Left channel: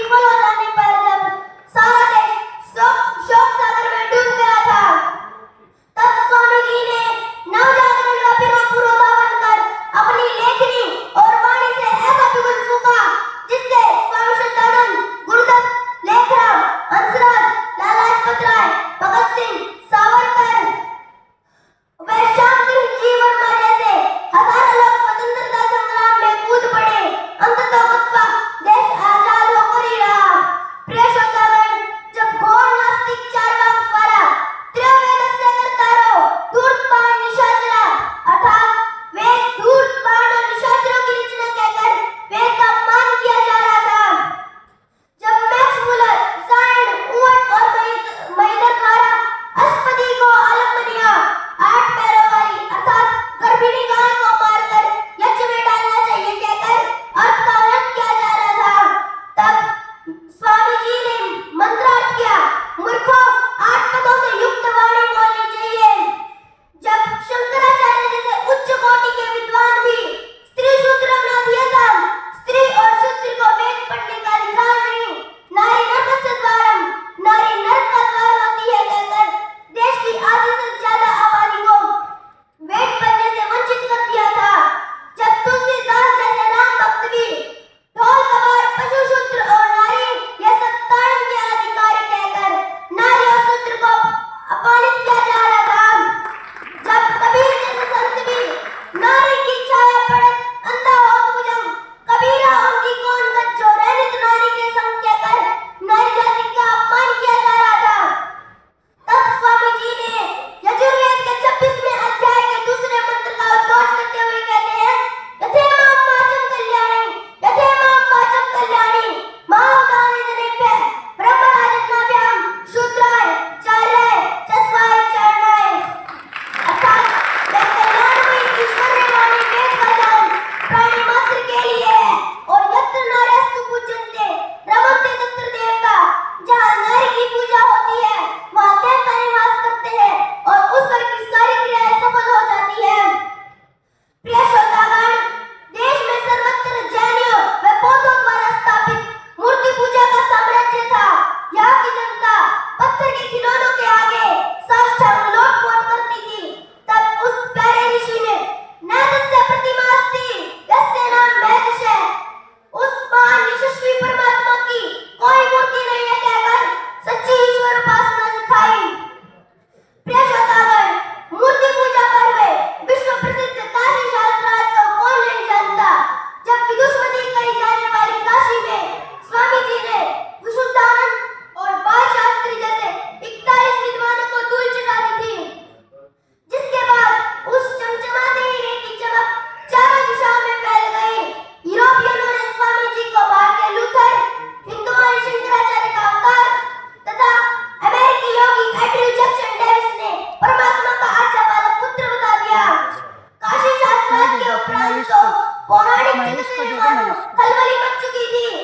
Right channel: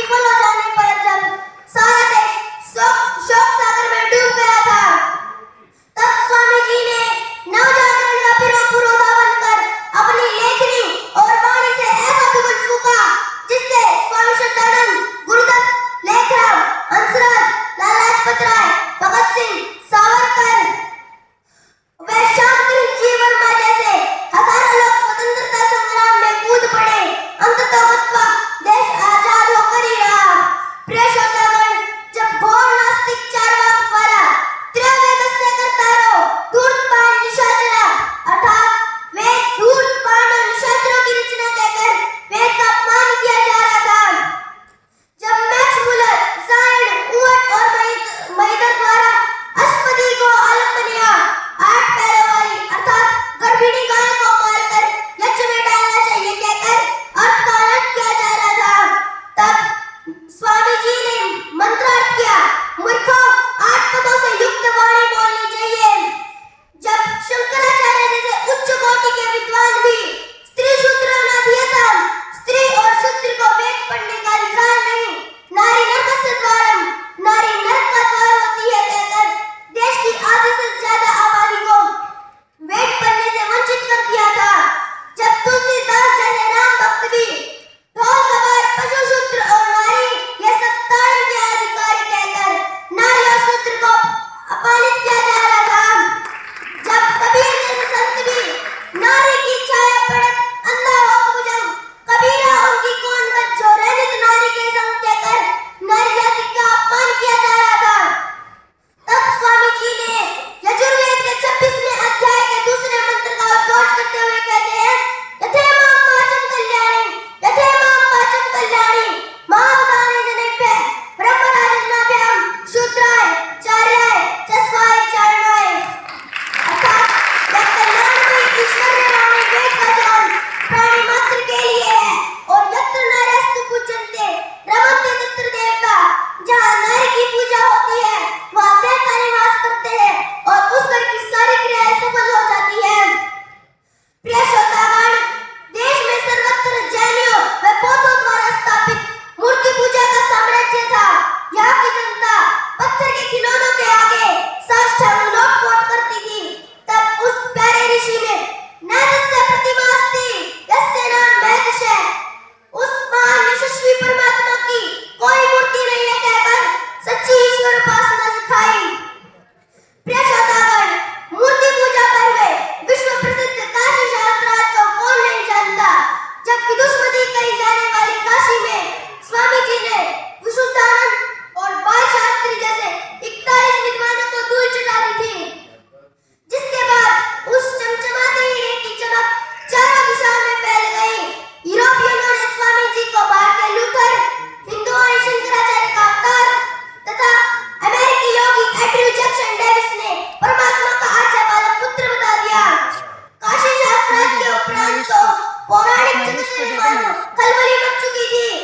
विफल हो जाने पर जब सारा देश शोक सागर में डूब गया था, तब स्वामी जी ने नवजागरण का पुरोधा बनकर अपनी लेखनी और वाणी से ऐसा बिगुल फूंका जिससे स्वामी शुद्धानंद, गुरुदत्त, लेखराम, हंसराज, लाला लाजपत राय, भगत सिंह, सावरकर व शांति जीवन जैसे हजारों लोग स्वतंत्रता संग्राम में कूद पड़े। अंततः देश आजाद होकर ही रहा। प्रिय श्रोतागण, जब घोर नास्तिक चार्वाक द्वारा त्रयवेदस्य कर्तारो धूर्तपान निशाचरा अर्थात वेद धूर्तपान और निशाचरों की रचना कहकर वेद का अपमान किया जा रहा था, जब मैक्स मुलर, साइड, उवट और महिदर द्वारा अष्टपदी को आलम्बनिया 8 पैरों वाली अर्थात गर्भिणी गाय को मारकर यज्ञ में डालना चाहिए कहकर अर्थ का अलग किया जा रहा था, तब स्वामी जी ने मंत्रार्थ किया, मूर्खों 8 पदों से युक्त वाणी बोलनी चाहिए। जब शंकराचार्य जैसे उच्च कोटि के विद्वान भी स्त्री शूद्र नाधियतम, स्त्री और शूद्र को वेद पढ़ने का अधिकार नहीं, नारी नरकस्य द्वारम, नारी नरक का द्वार होती है कहकर देश की आधी से ज्यादा आबादी को वेद पढ़ने से वंचित कर दिया था। जब तुलसीदास जैसे राम भक्त भी ढोल कबार, पशु शूद्र और नारी ये सब ताड़न के अधिकारी कहकर नारी और शूद्र को अपमानित किया जा रहा था। जब कबीर जैसे संत भी नारी की छाया पड़त अंधा हो भुजंग, कबीरा उनकी कौन गत जो रहनित नारी के संग कहकर नारी जाति का अपमान किया जा रहा था। तब स्वामी जी ने यजुर्वेद के 26वें अध्याय के दूसरे मंत्र का उद्घोष करते हुए कहते हैं, यथेमां वाचं कल्याणी, यथेमां वाचं कल्याणी, महावतानि जनेभ्य ब्रह्मराजन्नाभ्याम शूद्राय चार्याय चस्वाय चारणाय अर्थात यह कल्याणमय ईश्वरीय वाणी वेद का ज्ञान प्राणी मात्र के लिए है और यत्र नार्यस्तु पूज्यन्ते रमन्ते तत्र देवता, जहाँ नारी की पूजा होती है वहाँ देवता निवास करते हैं और उस घर की सारी क्रियाएं सफल हो जाती है। प्रिय श्रोतागण, देश में सर्वत्र जैनियों व बौद्धों द्वारा स्थापित मूर्ति पूजा का साम्राज्य था। यहाँ की जनता पत्थर के खिलौनों के आगे साष्टांग लोटपोट करती थी। तब उस प्यारे ऋषि ने नैदस्य प्रतिमा अस्ति यस्य नाम महदशः, उस महान यशस्वी परमात्मा की कोई मूर्ति नहीं है कहकर सच्ची ईश्वर उपासना सिखाई। प्रिय श्रोतागण, मूर्ति पूजा पर हुए विश्व प्रसिद्ध काशी शास्त्रार्थ को कौन नहीं जानता, जबकि दुष्मती कही जाने वाली काशी में स्वामी जी ने विशुद्धानंद और बाल शास्त्री जैसे 41 विद्वानों को धूल चटा दी थी, जिसके बाद उस चमचमाते हीरे की चमक चारों दिशाओं में फैल गई। यूरोपियनों ने स्वामी जी को भारतीय लूथर, हिंदुओं ने शंकराचार्य का अवतार तथा अमेरिकी योगी एंड्रयू जैक्सन डेविस ने परमात्मा का आज्ञा पालक पुत्र बता दिया। काशी शास्त्रार्थ के उपरांत तो पौराणिक खलबली मच चुकी थी।